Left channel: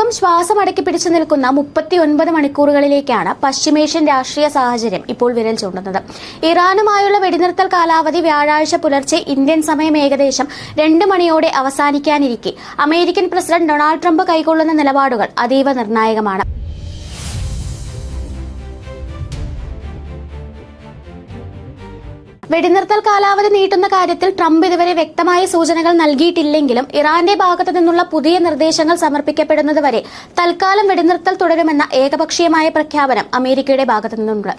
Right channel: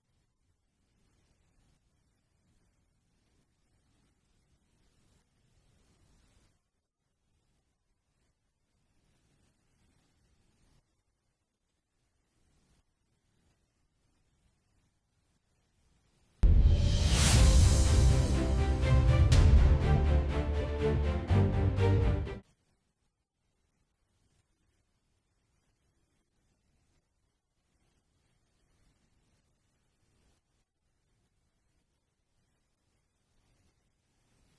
ലോകം ശ്വാസമടക്കി പിടിച്ചു നിൽക്കുന്ന 39 മണിക്കൂറുകളിലേക്കാണ് പശ്ചിമേഷ്യൻ രാഷ്ട്രീയ സാഹചര്യം ഇപ്പോൾ വിരൽ ചൂണ്ടുന്നത്. ഇറാനുമായുള്ള വെടിനിർത്തൽ കാലാവധി വ്യാഴാഴ്ച പുലർച്ചെ ഇന്ത്യൻ സമയം ഏകദേശം 2 മണിയോടെ അവസാനിക്കാനിരിക്കെ അമേരിക്കൻ പ്രസിഡന്റ് ഡൊണാൾഡ് ട്രംപ് കൈക്കൊള്ളുന്ന നിലപാടുകൾ അതീവ നിർണായകമാണ്. വെടിനിർത്തൽ കാലാവധി നീട്ടുന്ന കാര്യത്തിൽ ട്രംപ് ഇതുവരെ വ്യക്തമായ സൂചനകൾ നൽകിയിട്ടില്ലെങ്കിലും ഇറാന്റെ ഭാഗത്തു നിന്നുള്ള പുതിയ നിർദ്ദേശങ്ങൾ സമർപ്പിക്കപ്പെടുന്നതുവരെ തൽക്കാലം വെടിനിർത്തൽ തുടരുമെന്ന ഏകപക്ഷീയമായ പ്രഖ്യാപനം അമേരിക്കയുടെ ഭാഗത്തു നിന്നുണ്ട്.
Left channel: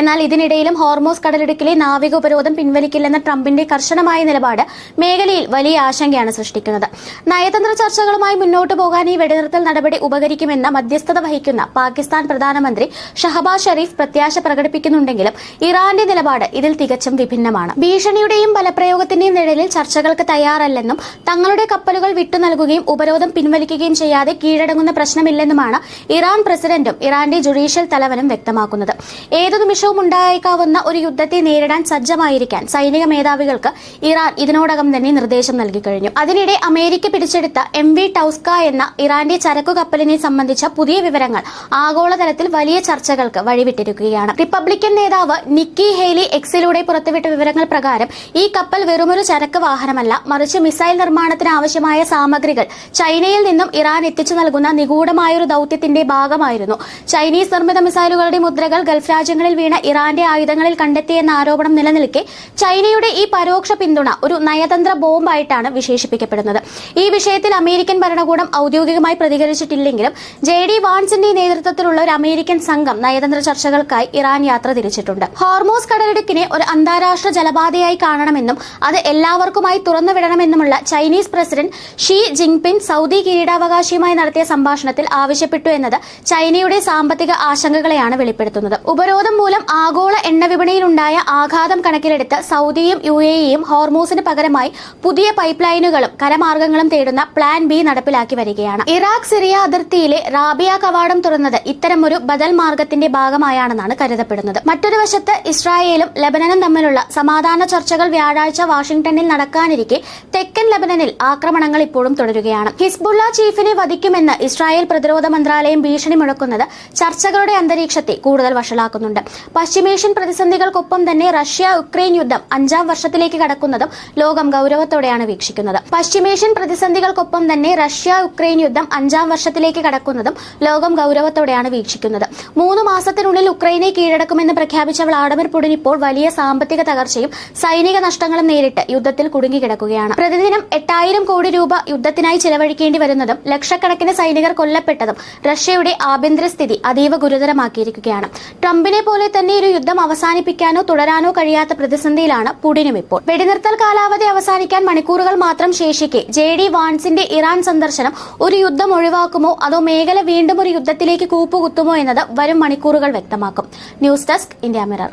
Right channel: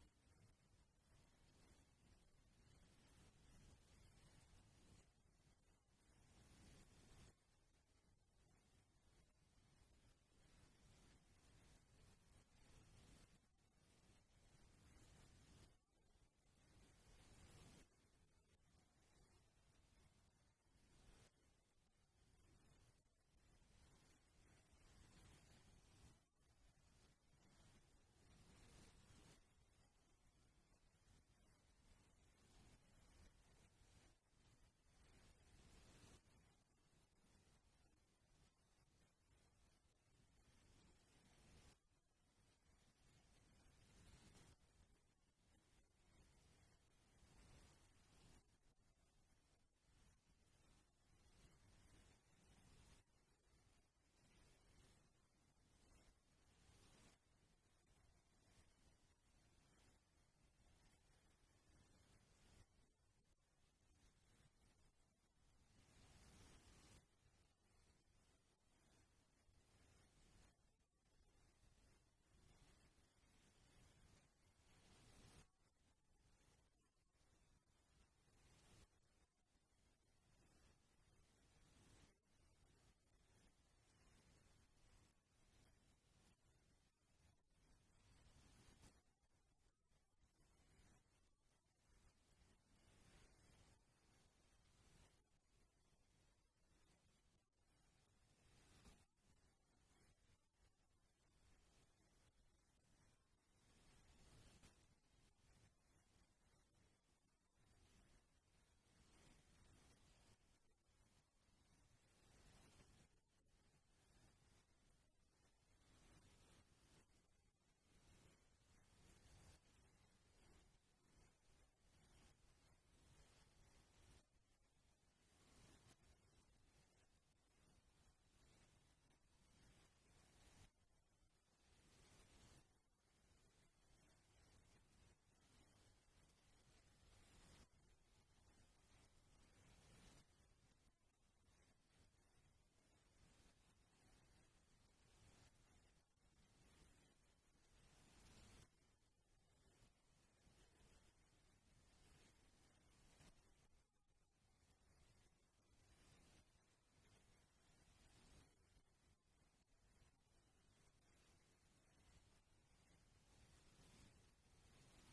എന്നാൽ ഇതിനിടയിലും ഹോർമോസ് കടലിടുക്കിലെ നാവിക ഉപരോധം പിൻവലിക്കില്ലെന്ന ട്രംപിന്റെ കർശനമായ നിലപാട് മേഖലയിൽ വലിയ ആശങ്കയാണ് സൃഷ്ടിക്കുന്നത്. നയതന്ത്ര ചർച്ചകളുമായി മുന്നോട്ടു പോകാൻ ഈ വെടിനിർത്തൽ നടപടി ഉപകരിക്കുമെന്ന് മധ്യസ്ഥത വഹിക്കുന്ന പാകിസ്ഥാൻ പ്രധാനമന്ത്രി ഷഹബാസ് ഷരീഫ് പ്രത്യാശ പ്രകടിപ്പിക്കുന്നുണ്ടെങ്കിലും ഇറാന്റെ നിലപാട് ഇതിൽ തികച്ചും വിഭിന്നമാണ്. ഭീഷണിയുടെയും ബലപ്രയോഗത്തിന്റെയും നിഴലിൽ ചർച്ചകൾക്ക് തയ്യാറല്ലെന്നും തങ്ങളുടെ കപ്പലുകൾ വിട്ടു നൽകുകയും ഉപരോധം പിൻവലിക്കുകയും ചെയ്യാതെ കീഴടങ്ങുന്ന പ്രശ്നമില്ലെന്നുമാണ് ഇറാൻ പ്രസിഡന്റും ഇറാന്റെ ജുഡീഷ്യൽ തലവനും വ്യക്തമാക്കുന്നത്. ഏതു നിമിഷവും ഉണ്ടായേക്കാവുന്ന ഒരു യുദ്ധത്തെ നേരിടാൻ സജ്ജമായിരിക്കാൻ സൈനിക മേധാവികൾക്ക് ഇറാൻ ഇതിനോടകം തന്നെ നിർദ്ദേശം നൽകിക്കഴിഞ്ഞു. അതിനിടെ അമേരിക്ക പിടിച്ചെടുത്ത MV ടൌസ്ക എന്ന ഇറാന്റെ ചരക്കു കപ്പലിനെ സംബന്ധിച്ച പുതിയ വിവരങ്ങൾ ആഗോളതലത്തിൽ വലിയ ചർച്ചകൾക്ക് വഴിവിട്ടിരിക്കുകയാണ്. റിപ്പബ്ലിക്കൻ നേതാവ് നിക്കി ഹേലി എക്സിലൂടെ പുറത്തുവിട്ട വിവരങ്ങൾ പ്രകാരം ഈ കപ്പൽ വെറുമൊരു ചരക്ക് വാഹനമല്ല, മറിച്ച് മിസൈൽ നിർമ്മാണത്തിന് ആവശ്യമായ സാമഗ്രികൾ ചൈനയിൽ നിന്നും ഇറാൻ എത്തിച്ചു നൽകുന്ന നിഗൂഢമായൊരു ദൌത്യത്തിന്റെ ഭാഗമായിരുന്നു. ചൈനീസ് നിർമ്മിത മിസൈലുകളുടെ മുദ്രകൾ ഗൾഫ് രാജ്യങ്ങളിൽ വീണ ഇറാന്റെ ആയുധങ്ങളിൽ കണ്ടെത്തിയെന്ന ആരോപണം നിലനിൽക്കെ ചൈനയുടെ ഈ പരോക്ഷ പിന്തുണ ഒരു നയതന്ത്ര ബോംബായിട്ടാണ് വിശേഷിപ്പിക്കപ്പെടുന്നത്. ഈ വിഷയത്തിൽ അമേരിക്കൻ ഭരണകൂടം ഔദ്യോഗികമായി പ്രതികരിച്ചിട്ടില്ലെങ്കിലും JD വാൻസിന്റെ നേതൃത്വത്തിലുള്ള ഒരു അമേരിക്കൻ സംഘം നയതന്ത്ര ചർച്ചകൾക്കായി ഇറാൻ യാത്ര തിരിച്ചിട്ടുണ്ട്. ഹോർമോസ് കടലിടുക്കിനെ ഒരു അന്താരാഷ്ട്ര ജലപാതയായി കാണണമെന്നും അത് എല്ലാവർക്കുമായി തുറന്നുവിടണമെന്നുമുള്ള Chinese president Xi Jinping Saudi കിരീടാവകാശിയുമായി നടത്തിയ സംഭാഷണത്തിൽ ആവശ്യപ്പെട്ടു എന്നത് ചൈനയുടെ സാമ്പത്തിക ആശങ്കകളെയാണ് വെളിപ്പെടുത്തുന്നത്. ഉപരോധം മൂലം ആഗോള എണ്ണ വിപണിയിലുണ്ടായ ആഘാതം കണക്കിലെടുത്ത് സൗദിയും UAEയും ഹോർമൂസിന് പകരമായി പുതിയ പൈപ്പ് ലൈനുകളും കരമാർഗങ്ങളും തേടുന്ന പ്ലാൻ B നടപ്പിലാക്കി വരികയാണ്. ഇറാഖ് സിറിയ അതിർത്തിയിലെ റാബിയ കവാടം തുറന്നത് ഇത്തരമൊരു ബദൽ മാർഗത്തിന്റെ ഭാഗമായാണെന്നാണ് കരുതപ്പെടുന്നത്. മറ്റൊരു വശത്ത് ഇസ്രായേലും ലബനനും തമ്മിലുള്ള സമാധാന ചർച്ചകൾ വ്യാഴാഴ്ച വാഷിംഗ്ടണിൽ നടക്കാനിരിക്കെ തെക്കൻ ലബനനിൽ ആക്രമണങ്ങൾ ഇപ്പോഴും തുടരുകയാണ്. ഹിസ്ബുള്ള ചീഫിനെ വധിക്കുമെന്ന് ഇസ്രായേൽ പ്രതിരോധ മന്ത്രാലയം ഭീഷണി മുഴക്കുന്നത് ചർച്ചകളുടെ അന്തരീക്ഷത്തെ കൂടുതൽ വഷളാക്കുന്നുണ്ട്. പശ്ചിമേഷ്യൻ പ്രതിസന്ധികൾക്കൊപ്പം തന്നെ റഷ്യ-യുക്രൈൻ യുദ്ധം 5ാം വർഷത്തിലേക്ക് കടക്കുന്നതും ലോകം ഗൌരവത്തോടെയാണ് വീക്ഷിക്കുന്നത്. പശ്ചിമേഷ്യൻ പ്രതിസന്ധികൾക്കൊപ്പം തന്നെ റഷ്യ-യുക്രൈൻ യുദ്ധം 5ാം വർഷത്തിലേക്ക് കടക്കുന്നതും ലോകം ഗൌരവത്തോടെയാണ് വീക്ഷിക്കുന്നത്. 3 മാസത്തിനുള്ളിൽ ഉക്രൈനെ കീഴടക്കുമെന്ന് പ്രഖ്യാപിച്ച വ്ളാഡിമിർ പുടിൻ ഇപ്പോൾ വലിയ സാമ്പത്തിക തകർച്ചയും സൈനിക നഷ്ടങ്ങളും നേരിട്ട് യുദ്ധത്തിൽ കുടുങ്ങിക്കിടക്കുകയാണ്. പ്രതിദിനം 8000 കോടി രൂപ യുദ്ധത്തിനായി ചെലവഴിക്കേണ്ടി വരുന്നതും ലക്ഷക്കണക്കിന് സൈനികർ കൊല്ലപ്പെട്ടതും റഷ്യയുടെ ആഭ്യന്തര സ്ഥിതി അതീവ ഗുരുതരമാക്കിയിരിക്കുകയാണ്. ട്രംപിനെ പോലെ തന്നെ ഒരു യുദ്ധം അവസാനിപ്പിക്കാനോ തുടരാനോ കഴിയാത്ത പ്രതിസന്ധിയിലാണ് പുടിനും ഇപ്പോൾ. വെടിനിർത്തൽ കാലാവധി അവസാനിക്കാൻ മണിക്കൂറുകൾ മാത്രം ശേഷിക്കെ JD വാൻസിന്റെ ഇറാൻ സന്ദർശനം ഒരു യുദ്ധം ഒഴിവാക്കുമോ അതോ മേഖല വീണ്ടും ഒരു യുദ്ധത്തിലേക്ക് കൂപ്പുകുത്തുമോ എന്നത് വരും മണിക്കൂറുകൾ വ്യക്തമാക്കും. News desk India mirror.